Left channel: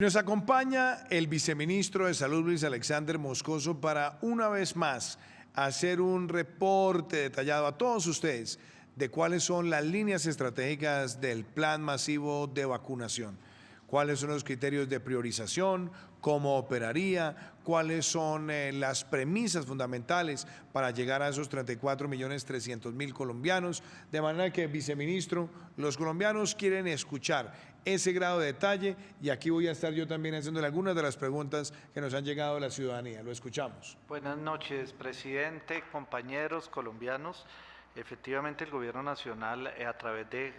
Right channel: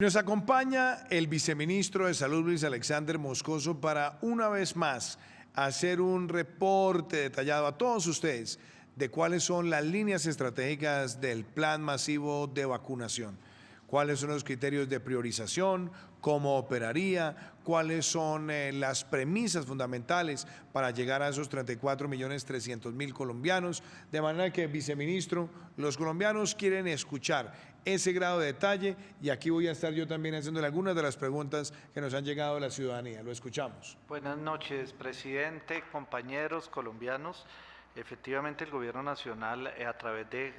Nos acompaña el viceministro de Salud, Luis Alexander Moscoso, para una vez más hacer un reporte detallado a todos ustedes de cuáles son las líneas estratégicas del plan masivo de vacunación, cuáles son los criterios de priorización, cómo operaría, cuáles son las premisas fundamentales para llegar a esos 34.300.000 colombianos. De manera que, viceministro, los colombianos quieren escuchar ese grado de detalle y aquí voy a estar yo también haciéndole algunas de las preguntas que nos han llegado de la ciudadanía. Lo escuchamos. Buenas noches, presidente, compañeros colombianos. Efectivamente, el Gobierno Nacional, a través de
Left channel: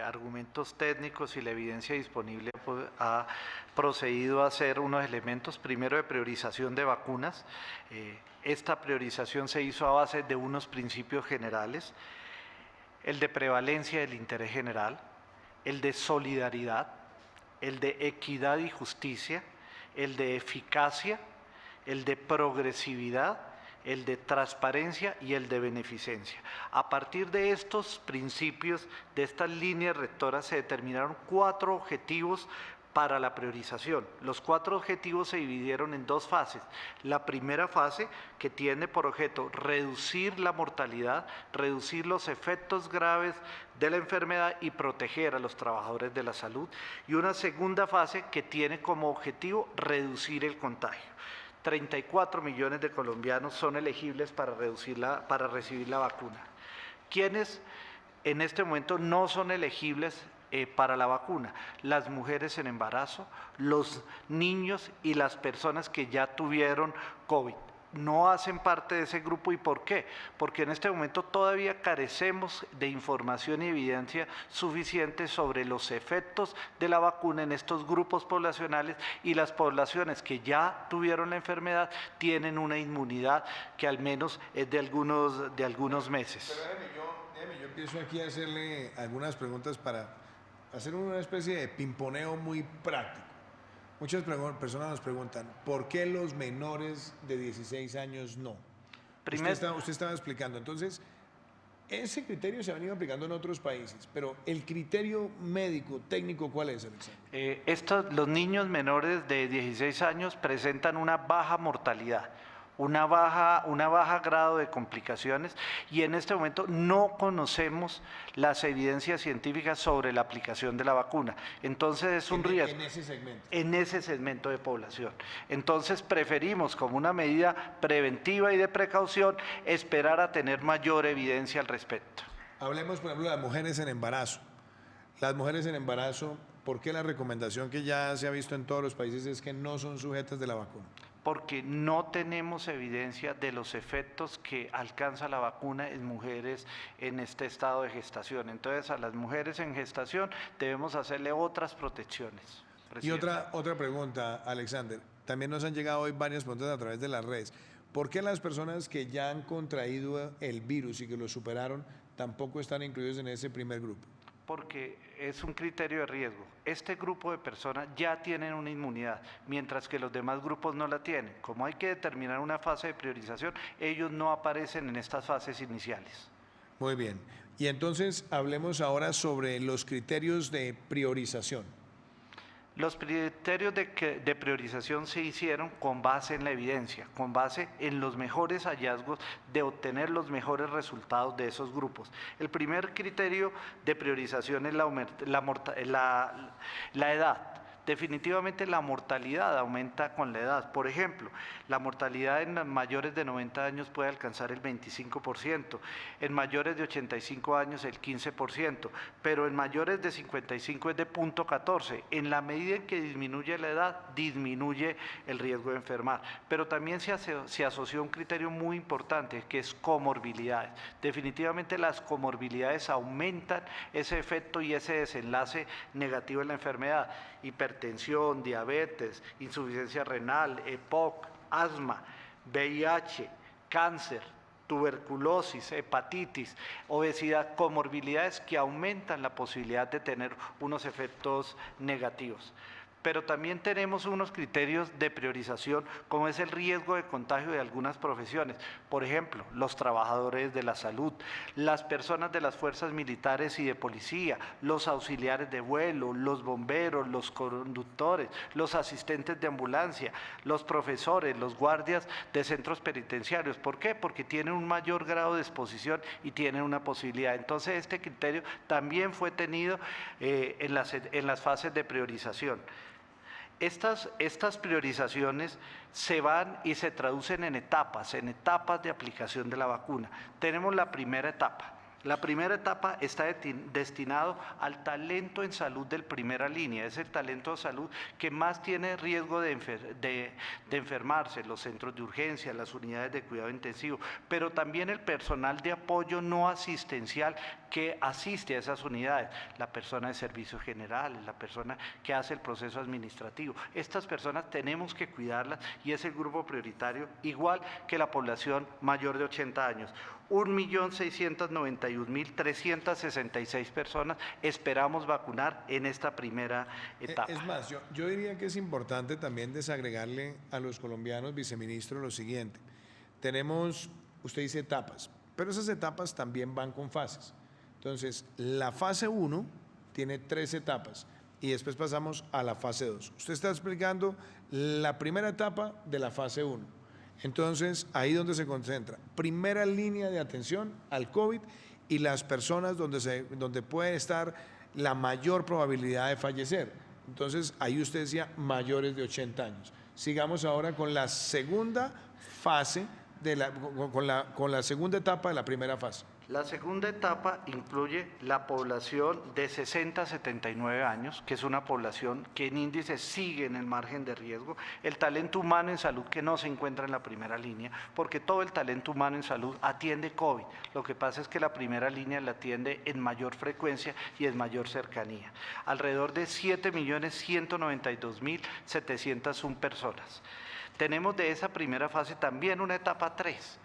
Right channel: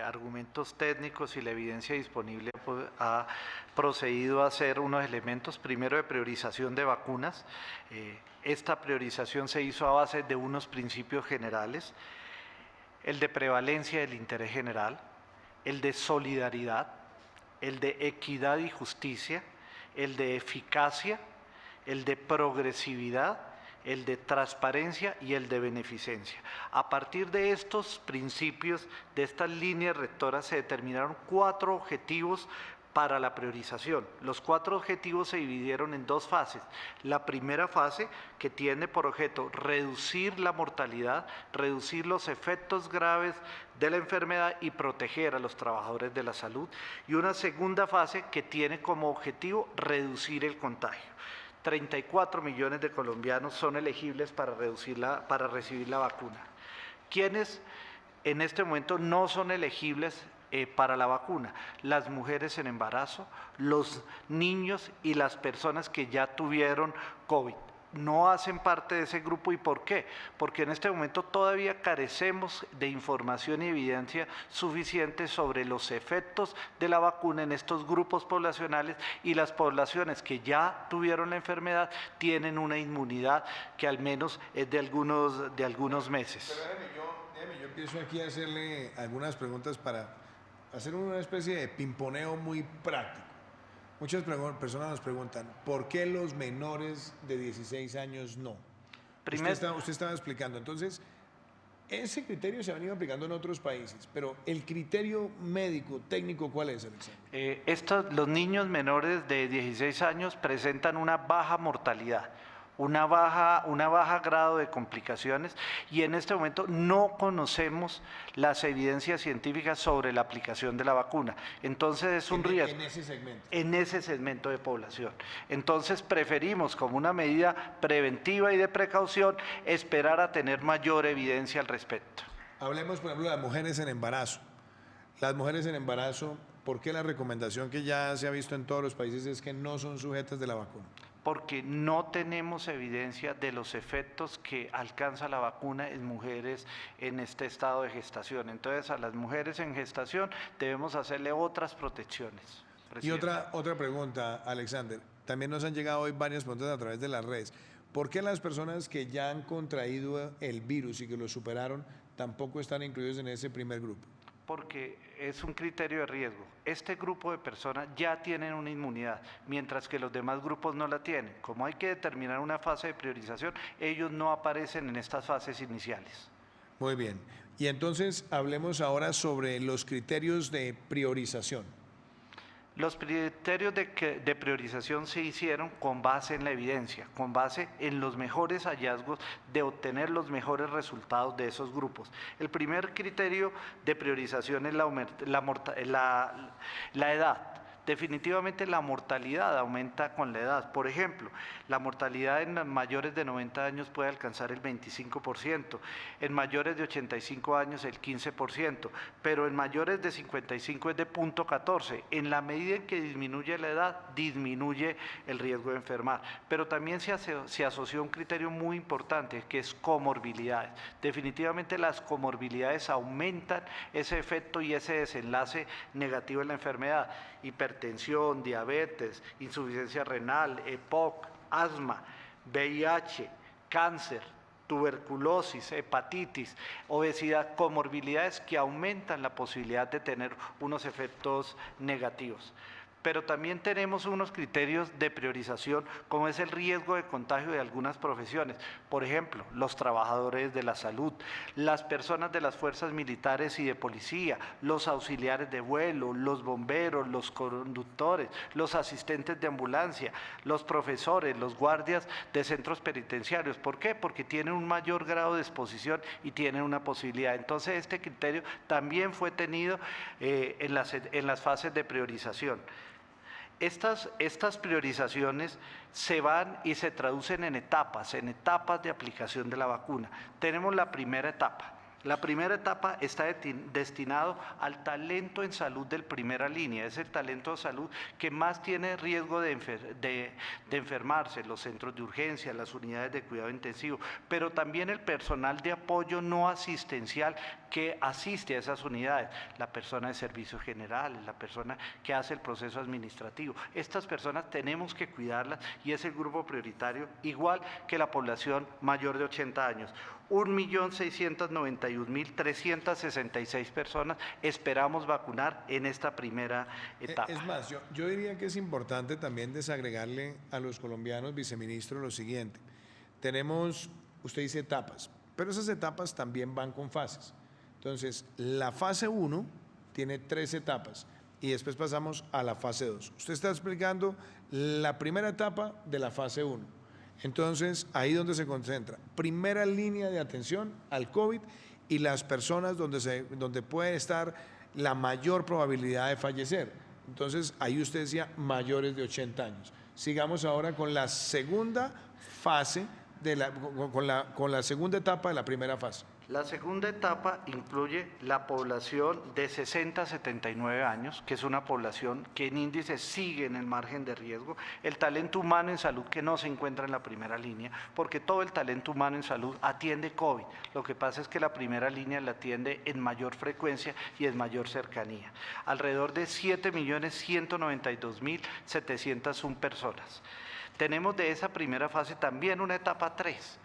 argumentos técnicos y la evidencia disponible, ha procedido a hacer unos elementos, primero de priorización de vacunas. Esta priorización se hizo a base de unos principios generales, el de prevalencia del interés general, el de solidaridad, el de equidad y justicia, el de eficacia, el de progresividad, el de transparencia y el de beneficencia. A partir de estos principios, de estas líneas rectoras, se determinaron 4 objetivos para la priorización. Los 4 objetivos se dividieron en 2 fases. La primera fase, que tiene por objeto reducir la mortalidad, reducir los efectos graves de la enfermedad y proteger a los trabajadores de la salud. Y una segunda fase que tiene como objetivo reducir el contagio. 34 millones de colombianos son elegibles para recibir la vacuna. ¿Quiénes en este momento no son elegibles para la vacuna? Las mujeres en embarazo, los niños y las personas que ya tuvieron COVID. No hacen parte de ese grupo. ¿Y por qué? Porque en este momento todavía carecemos de información y evidencia suficiente sobre los efectos de la vacuna en estos grupos poblacionales, y las poblaciones que ya tuvieron la enfermedad tienen una inmunidad que al menos es de algunos meses. Pero yo empiezo aquí a hacerle algunas preguntas para hacer una especie de pimponeo muy práctico. Muchas personas nos preguntan, ¿por qué los menores de 16 años no? Usted estaba explicando, entonces, ese criterio se ha venido aplicando en otros países, pero el criterio médico, técnico, ¿cuál es, Alexander? Los niños menores de 16 años presentan una baja mortalidad, una baja grado de complicaciones, y en este momento no conocemos las evidencias científicas sobre la aplicación de la vacuna. Entonces es un riesgo. En ese segmento de población. Entonces preferimos, como una medida preventiva y de precaución, esperar a tener mayor evidencia al respecto. Hablemos, por ejemplo, de las mujeres en embarazo. Las mujeres en embarazo, ¿por qué la recomendación que ya se ha visto en todos los países es que no son sujetas de la vacuna? Porque no tenemos evidencia de los efectos que alcanza la vacuna en mujeres en este estado de gestación. Entonces, a las mujeres en gestación debemos hacerle otras protecciones. Y otra pregunta, Alexander. También nos han llegado hoy varias preguntas a través de las redes. ¿Por qué las personas que ya han contraído el virus y que lo superaron tampoco están incluidos en ese primer grupo? Porque es un criterio de riesgo. Este grupo de personas ya tienen una inmunidad, mientras que los demás grupos no la tienen. Como hay que determinar una fase de priorización, ellos no aparecen en estas fases iniciales. Muy bien. Y entonces hablemos ahora sobre los criterios de priorización. Los criterios de priorización se hicieron con base en la evidencia, con base en los mejores hallazgos de obtener los mejores resultados de esos grupos. El primer criterio de priorización es la edad. Definitivamente la mortalidad aumenta con la edad. Por ejemplo, la mortalidad en mayores de 90 años puede alcanzar el 25%, en mayores de 85 años el 15%, pero en mayores de 55 es de 0.14. En la medida en que disminuye la edad, disminuye el riesgo de enfermar. Pero también se asoció un criterio muy importante, que es comorbilidades. Definitivamente las comorbilidades aumentan ese efecto y ese desenlace negativo en la enfermedad. Hipertensión, diabetes, insuficiencia renal, EPOC, asma, VIH, cáncer, tuberculosis, hepatitis, obesidad, comorbilidades que aumentan la posibilidad de tener unos efectos negativos. pero también tenemos unos criterios de priorización, como es el riesgo de contagio de algunas profesiones. Por ejemplo, los trabajadores de la salud, las personas de las fuerzas militares y de policía, los auxiliares de vuelo, los bomberos, los conductores, los asistentes de ambulancia, los profesores, los guardias de centros penitenciarios. ¿Por qué? Porque tienen un mayor grado de exposición y tienen una posibilidad. Entonces, este criterio también fue tenido en las fases de priorización. Estas priorizaciones se van y se traducen en etapas de aplicación de la vacuna. Tenemos la primera etapa. La primera etapa está destinado al talento en salud de primera línea, es el talento de salud que más tiene riesgo de enfermarse, los centros de urgencia, las unidades de cuidado intensivo, pero también el personal de apoyo no asistencial que asiste a esas unidades, la persona de servicios generales, la persona que hace el proceso administrativo. Estas personas tenemos que cuidarlas y es el grupo prioritario, igual que la población mayor de 80 años. 1.691.366 personas esperamos vacunar en esta primera etapa. Es más, yo diría que es importante también desagregarle a los colombianos, viceministro, lo siguiente. Tenemos, usted dice etapas, pero esas etapas también van con fases. Entonces, la fase 1 tiene 3 etapas y después pasamos a la fase 2. Usted está explicando la primera etapa de la fase 1. Entonces, ahí donde se concentra, primera línea de atención al COVID y las personas donde puede estar la mayor probabilidad de fallecer. Entonces, ahí usted decía mayores de 80 años. Sigamos ahora con la segunda fase, con la segunda etapa de la primera fase. La segunda etapa incluye la población de 60 a 79 años, que es una población que en índice sigue en el margen de riesgo, el talento humano en salud que no se encuentra en la primera línea, porque todo el talento humano en salud atiende COVID. Lo que pasa es que la primera línea la atiende en mayor frecuencia y en mayor cercanía. Alrededor de 7.192.701 personas. Tenemos de esa primera fase también una etapa 3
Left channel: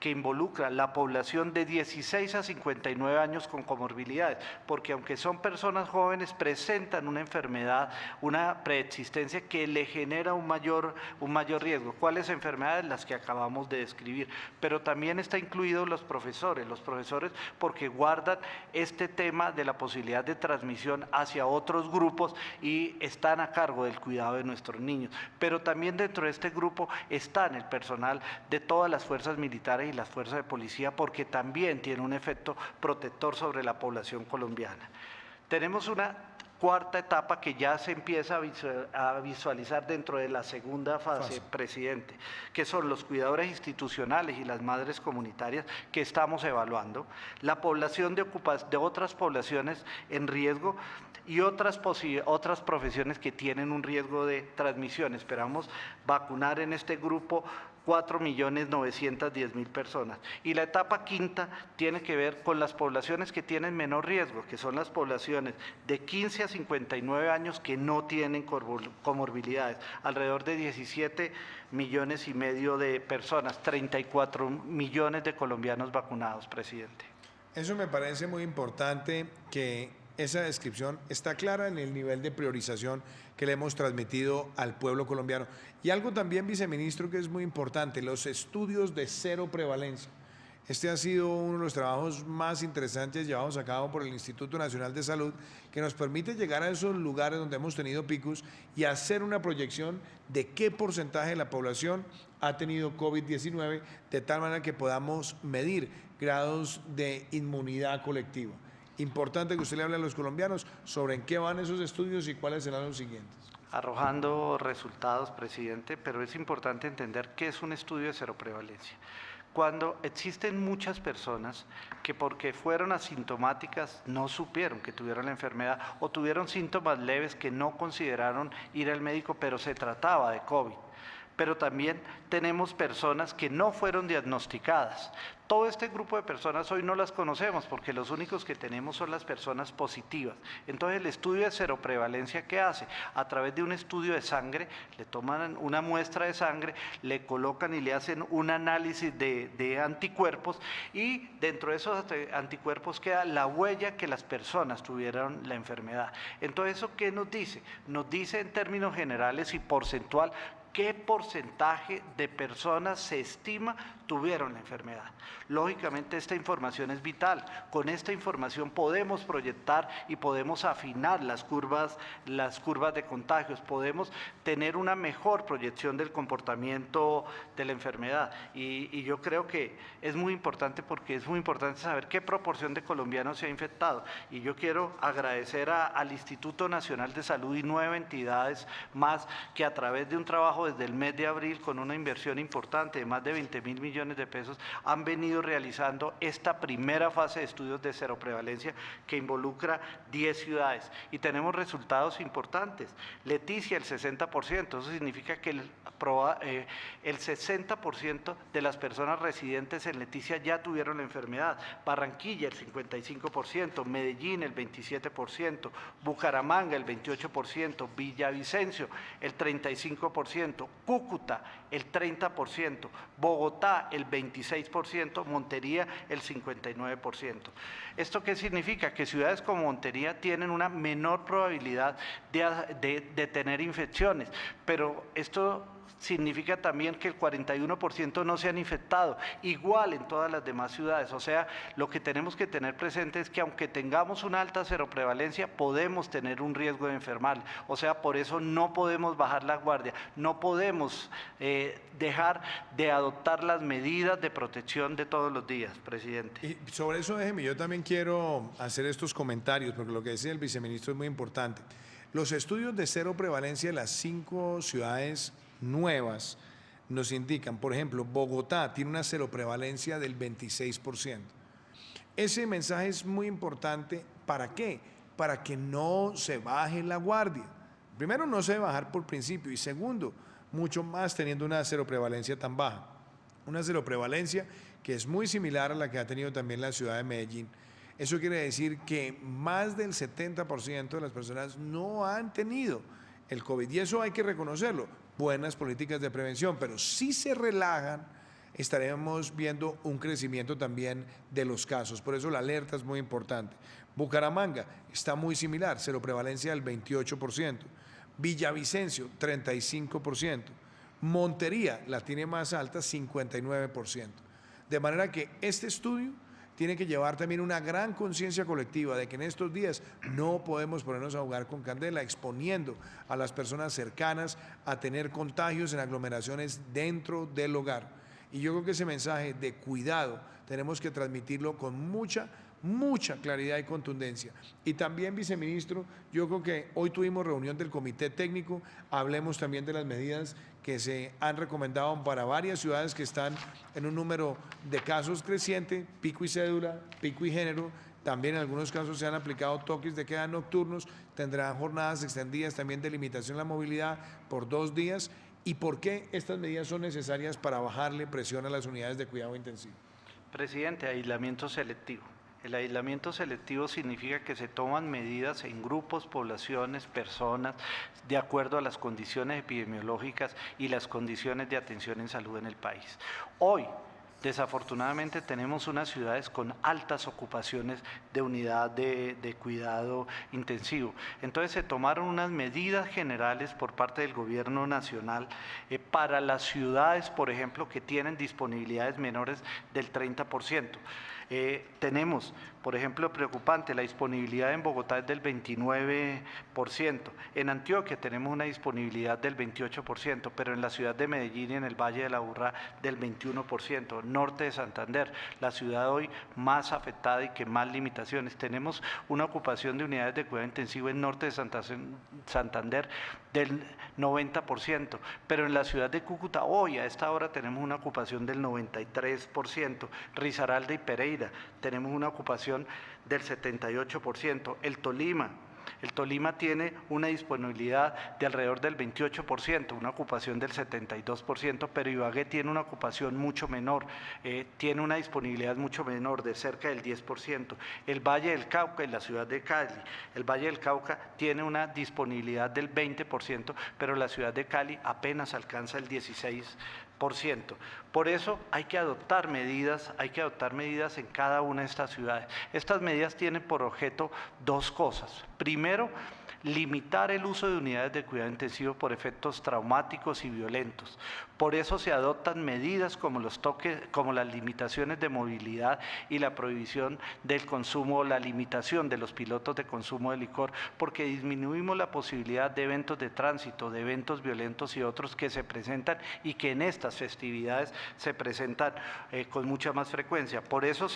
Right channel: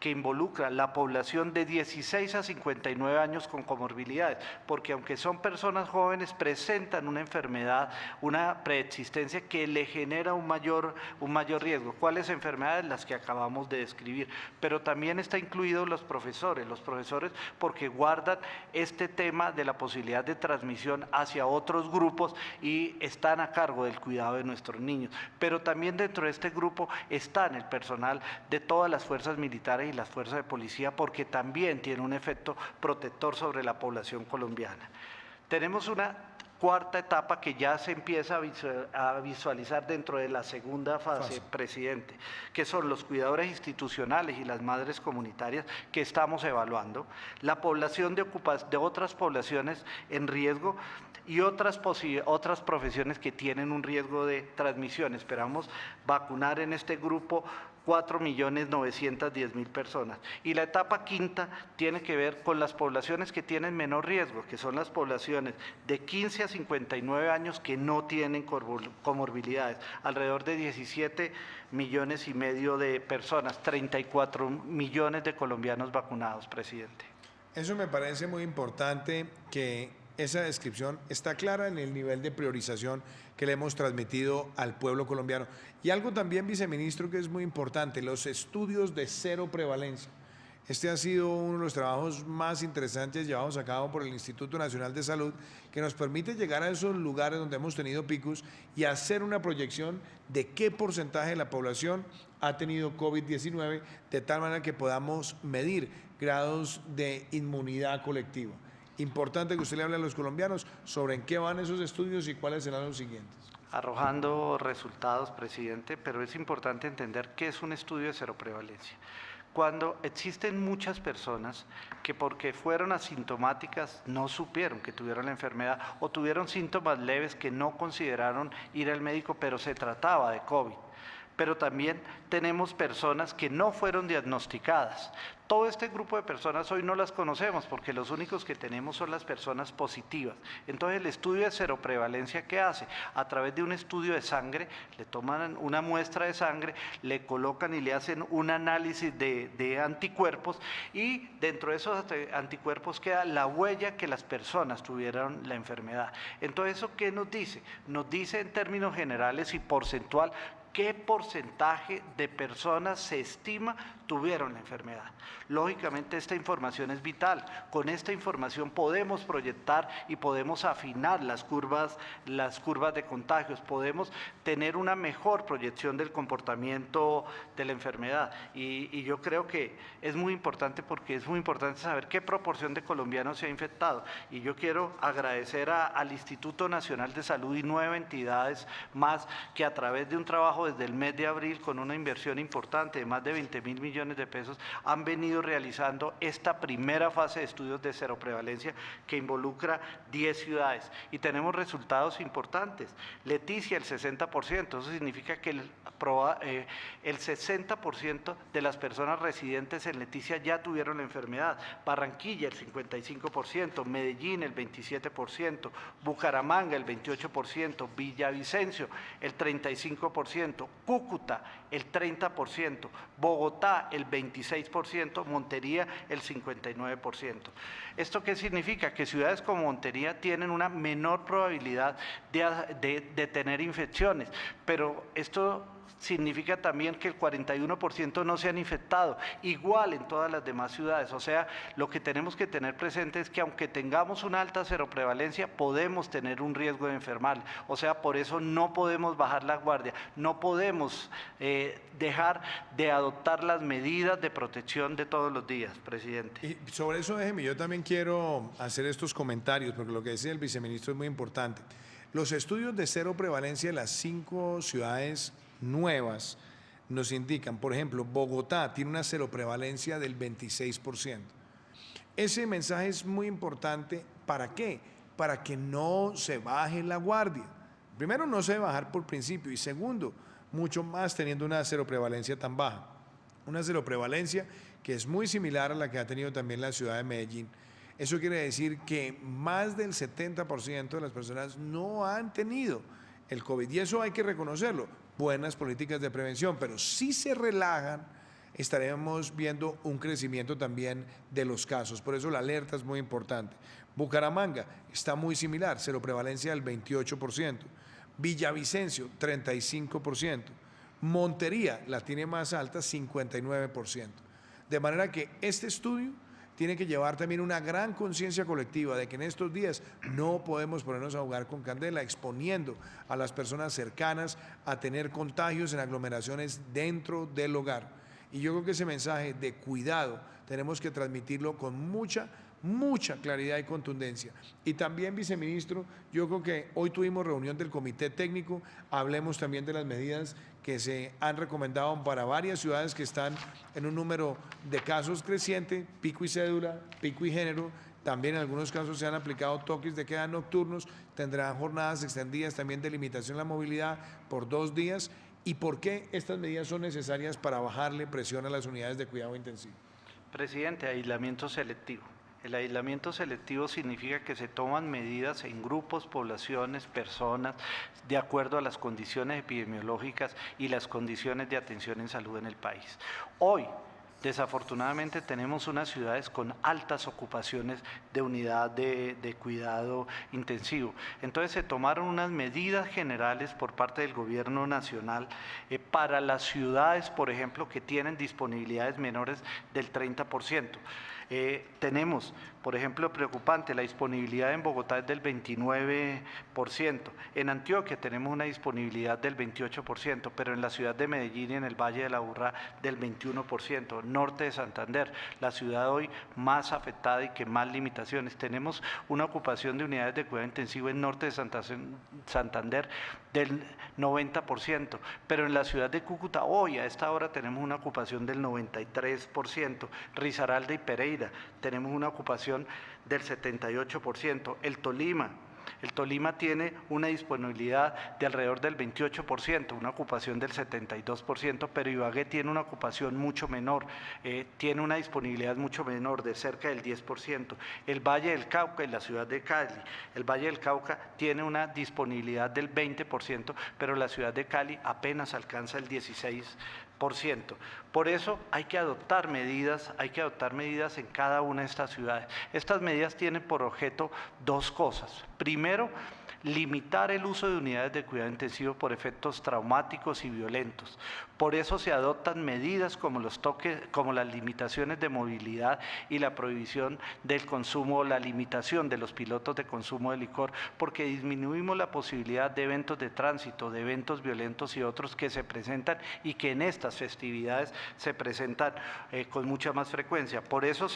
que involucra la población de 16 a 59 años con comorbilidades, porque aunque son personas jóvenes, presentan una enfermedad, una preexistencia que le genera un mayor riesgo. ¿Cuáles enfermedades? Las que acabamos de describir. Pero también está incluidos los profesores porque guardan este tema de la posibilidad de transmisión hacia otros grupos y están a cargo del cuidado de nuestros niños. Pero también dentro de este grupo están el personal de todas las fuerzas militares y las fuerzas de policía, porque también tiene un efecto protector sobre la población colombiana. Tenemos una cuarta etapa que ya se empieza a visualizar dentro de la segunda fase, presidente, que son los cuidadores institucionales y las madres comunitarias que estamos evaluando, la población de otras poblaciones en riesgo y otras profesiones que tienen un riesgo de transmisión. Esperamos vacunar en este grupo 4.910.000 personas. Y la etapa quinta tiene que ver con las poblaciones que tienen menor riesgo, que son las poblaciones de 15 a 59 años que no tienen comorbilidades, alrededor de 17,5 millones de personas, 34 millones de colombianos vacunados, presidente. Eso me parece muy importante, que esa descripción está clara en el nivel de priorización que le hemos transmitido al pueblo colombiano. Y algo también, viceministro, que es muy importante, los estudios de cero prevalencia. Este ha sido uno de los trabajos más interesantes llevados a cabo por el Instituto Nacional de Salud, que nos permite llegar a esos lugares donde hemos tenido picos y hacer una proyección de qué porcentaje de la población ha tenido COVID-19, de tal manera que podamos medir grados de inmunidad colectiva. Importante que usted le hable a los colombianos sobre en qué van esos estudios y cuáles serán los siguientes. Arrojando resultados, presidente, pero es importante entender qué es un estudio de cero prevalencia. Cuando existen muchas personas que porque fueron asintomáticas no supieron que tuvieron la enfermedad o tuvieron síntomas leves que no consideraron ir al médico, pero se trataba de COVID. pero también tenemos personas que no fueron diagnosticadas. Todo este grupo de personas hoy no las conocemos porque los únicos que tenemos son las personas positivas. Entonces el estudio de seroprevalencia, ¿qué hace? A través de un estudio de sangre, le toman una muestra de sangre, le colocan y le hacen un análisis de anticuerpos y dentro de esos anticuerpos queda la huella que las personas tuvieron la enfermedad. Entonces, ¿eso qué nos dice? Nos dice en términos generales y porcentual qué porcentaje de personas se estima tuvieron la enfermedad. Lógicamente esta información es vital. Con esta información podemos proyectar y podemos afinar las curvas de contagios, podemos tener una mejor proyección del comportamiento de la enfermedad. Y yo creo que es muy importante porque es muy importante saber qué proporción de colombianos se ha infectado. Y yo quiero agradecer al Instituto Nacional de Salud y 9 entidades más que a través de un trabajo desde el mes de abril con una inversión importante de más de 20.000 millones de pesos han venido realizando esta primera fase de estudios de seroprevalencia que involucra 10 ciudades y tenemos resultados importantes. Leticia el 60%, eso significa que el 60% de las personas residentes en Leticia ya tuvieron la enfermedad, Barranquilla el 55%, Medellín el 27%, Bucaramanga el 28%, Villavicencio el 35%, Cúcuta el 30%, Bogotá el 26%, Montería el 59%. ¿Esto qué significa? Que ciudades como Montería tienen una menor probabilidad de tener infecciones, pero esto significa también que el 41% no se han infectado, igual en todas las demás ciudades. O sea, lo que tenemos que tener presente es que aunque tengamos una alta seroprevalencia, podemos tener un riesgo de enfermar. O sea, por eso no podemos bajar la guardia, no podemos dejar de adoptar las medidas de protección de todos los días, presidente. Y sobre eso, déjeme, yo también quiero hacer estos comentarios, porque lo que dice el viceministro es muy importante. Los estudios de cero prevalencia de las 5 ciudades nuevas nos indican, por ejemplo, Bogotá tiene una seroprevalencia del 26%. Ese mensaje es muy importante, ¿para qué? Para que no se baje la guardia. Primero, no se debe bajar por principio y segundo, mucho más teniendo una seroprevalencia tan baja. Una seroprevalencia que es muy similar a la que ha tenido también la ciudad de Medellín. Eso quiere decir que más del 70% de las personas no han tenido el COVID y eso hay que reconocerlo. Buenas políticas de prevención, pero si se relajan, estaremos viendo un crecimiento también de los casos. Por eso la alerta es muy importante. Bucaramanga está muy similar, seroprevalencia del 28%. Villavicencio, 35%. Montería la tiene más alta, 59%. De manera que este estudio tiene que llevar también una gran conciencia colectiva de que en estos días no podemos ponernos a jugar con candela, exponiendo a las personas cercanas a tener contagios en aglomeraciones dentro del hogar. Y yo creo que ese mensaje de cuidado tenemos que transmitirlo con mucha claridad y contundencia. Y también, viceministro, yo creo que hoy tuvimos reunión del comité técnico, hablemos también de las medidas que se han recomendado para varias ciudades que están en un número de casos creciente, pico y cédula, pico y género. También en algunos casos se han aplicado toques de queda nocturnos, tendrán jornadas extendidas también de limitación a la movilidad por 2 días. ¿Y por qué estas medidas son necesarias para bajarle presión a las unidades de cuidado intensivo? Presidente, aislamiento selectivo. El aislamiento selectivo significa que se toman medidas en grupos, poblaciones, personas, de acuerdo a las condiciones epidemiológicas y las condiciones de atención en salud en el país. Hoy, desafortunadamente, tenemos unas ciudades con altas ocupaciones de unidad de cuidado intensivo. Entonces, se tomaron unas medidas generales por parte del gobierno nacional para las ciudades, por ejemplo, que tienen disponibilidades menores del 30%. Tenemos, por ejemplo, preocupante, la disponibilidad en Bogotá es del 29%, en Antioquia tenemos una disponibilidad del 28%, pero en la ciudad de Medellín y en el Valle de la Aburrá del 21%, norte de Santander, la ciudad hoy más afectada y que más limitaciones. Tenemos una ocupación de unidades de cuidado intensivo en norte de Santander del 90%, pero en la ciudad de Cúcuta hoy a esta hora tenemos una ocupación del 93%, Risaralda y Pereira tenemos una ocupación del 78%, el Tolima El Tolima tiene una disponibilidad de alrededor del 28%, una ocupación del 72%, pero Ibagué tiene una ocupación mucho menor, tiene una disponibilidad mucho menor, de cerca del 10%. El Valle del Cauca y la ciudad de Cali, el Valle del Cauca tiene una disponibilidad del 20%, pero la ciudad de Cali apenas alcanza el 16%. Por eso hay que adoptar medidas en cada una de estas ciudades. Estas medidas tienen por objeto dos cosas. Primero, limitar el uso de unidades de cuidado intensivo por efectos traumáticos y violentos. Por eso se adoptan medidas como los toques, como las limitaciones de movilidad y la prohibición del consumo, la limitación de los pilotos de consumo de licor, porque disminuimos la posibilidad de eventos de tránsito, de eventos violentos y otros que se presentan y que en estas festividades se presentan con mucha más frecuencia. Por eso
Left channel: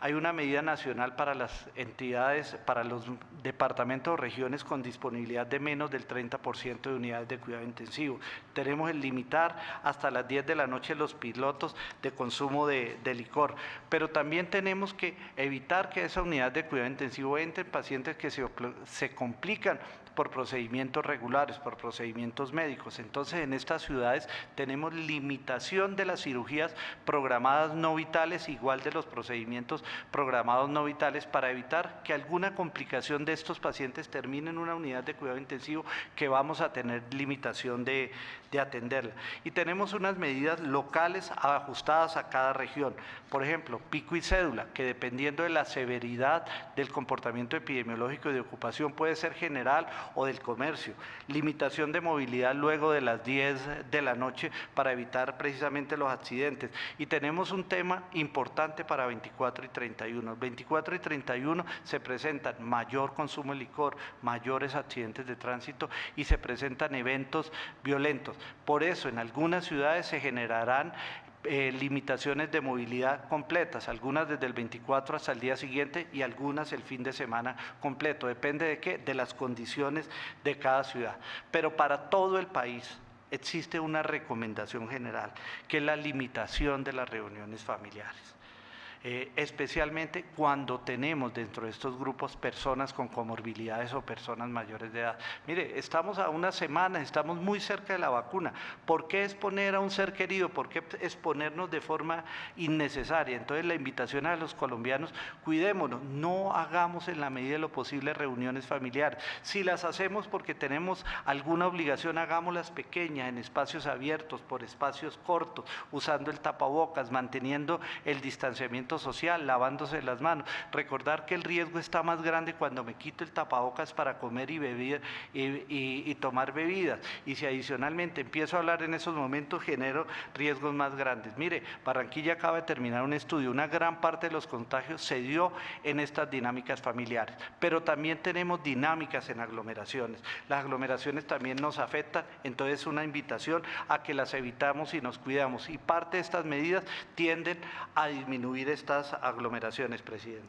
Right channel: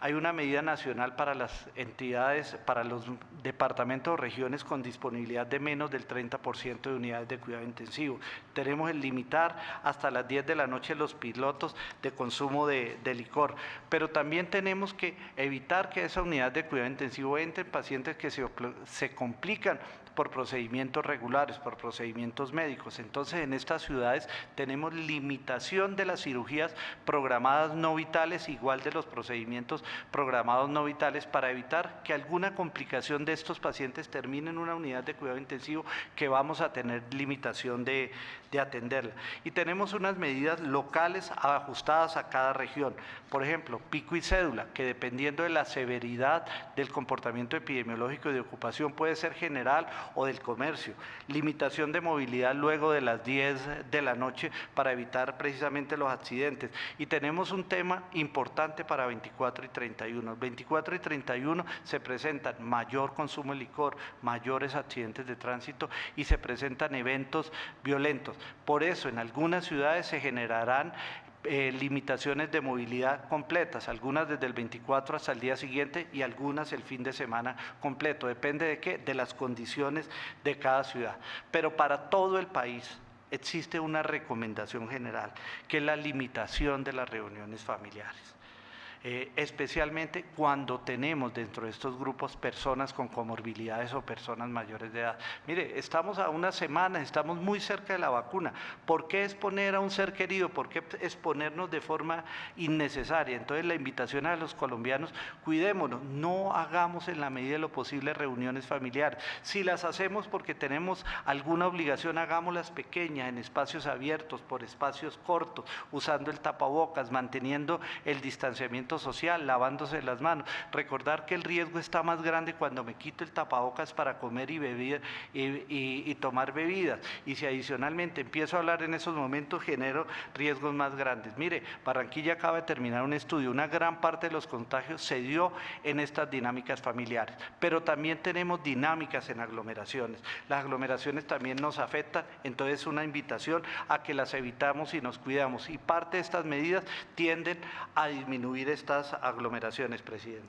hay una medida nacional para las entidades, para los departamentos o regiones con disponibilidad de menos del 30% de unidades de cuidado intensivo. Tenemos el limitar hasta las 10 de la noche los pilotos de consumo de licor, pero también tenemos que evitar que esa unidad de cuidado intensivo entren pacientes que se complican por procedimientos regulares, por procedimientos médicos. Entonces, en estas ciudades tenemos limitación de las cirugías programadas no vitales, igual de los procedimientos programados no vitales, para evitar que alguna complicación de estos pacientes termine en una unidad de cuidado intensivo que vamos a tener limitación de atenderla. Y tenemos unas medidas locales ajustadas a cada región. Por ejemplo, pico y cédula, que dependiendo de la severidad del comportamiento epidemiológico y de ocupación puede ser general o del comercio. Limitación de movilidad luego de las 10 de la noche para evitar precisamente los accidentes. Y tenemos un tema importante para 24 y 31. 24 y 31 se presentan mayor consumo de licor, mayores accidentes de tránsito y se presentan eventos violentos. Por eso en algunas ciudades se generarán limitaciones de movilidad completas, algunas desde el 24 hasta el día siguiente y algunas el fin de semana completo. Depende de qué, de las condiciones de cada ciudad. Pero para todo el país existe una recomendación general, que es la limitación de las reuniones familiares. Especialmente cuando tenemos dentro de estos grupos personas con comorbilidades o personas mayores de edad. Mire, estamos a unas semanas, estamos muy cerca de la vacuna. ¿Por qué exponer a un ser querido? ¿Por qué exponernos de forma innecesaria? Entonces la invitación a los colombianos, cuidémonos, no hagamos en la medida de lo posible reuniones familiares. Si las hacemos porque tenemos alguna obligación, hagámoslas pequeñas, en espacios abiertos, por espacios cortos, usando el tapabocas, manteniendo el distanciamiento social, lavándose las manos. Recordar que el riesgo está más grande cuando me quito el tapabocas para comer y beber y tomar bebidas. Y si adicionalmente empiezo a hablar en esos momentos, genero riesgos más grandes. Mire, Barranquilla acaba de terminar un estudio, una gran parte de los contagios se dio en estas dinámicas familiares, pero también tenemos dinámicas en aglomeraciones. Las aglomeraciones también nos afectan, entonces una invitación a que las evitamos y nos cuidamos. Y parte de estas medidas tienden a disminuir estas aglomeraciones, presidente.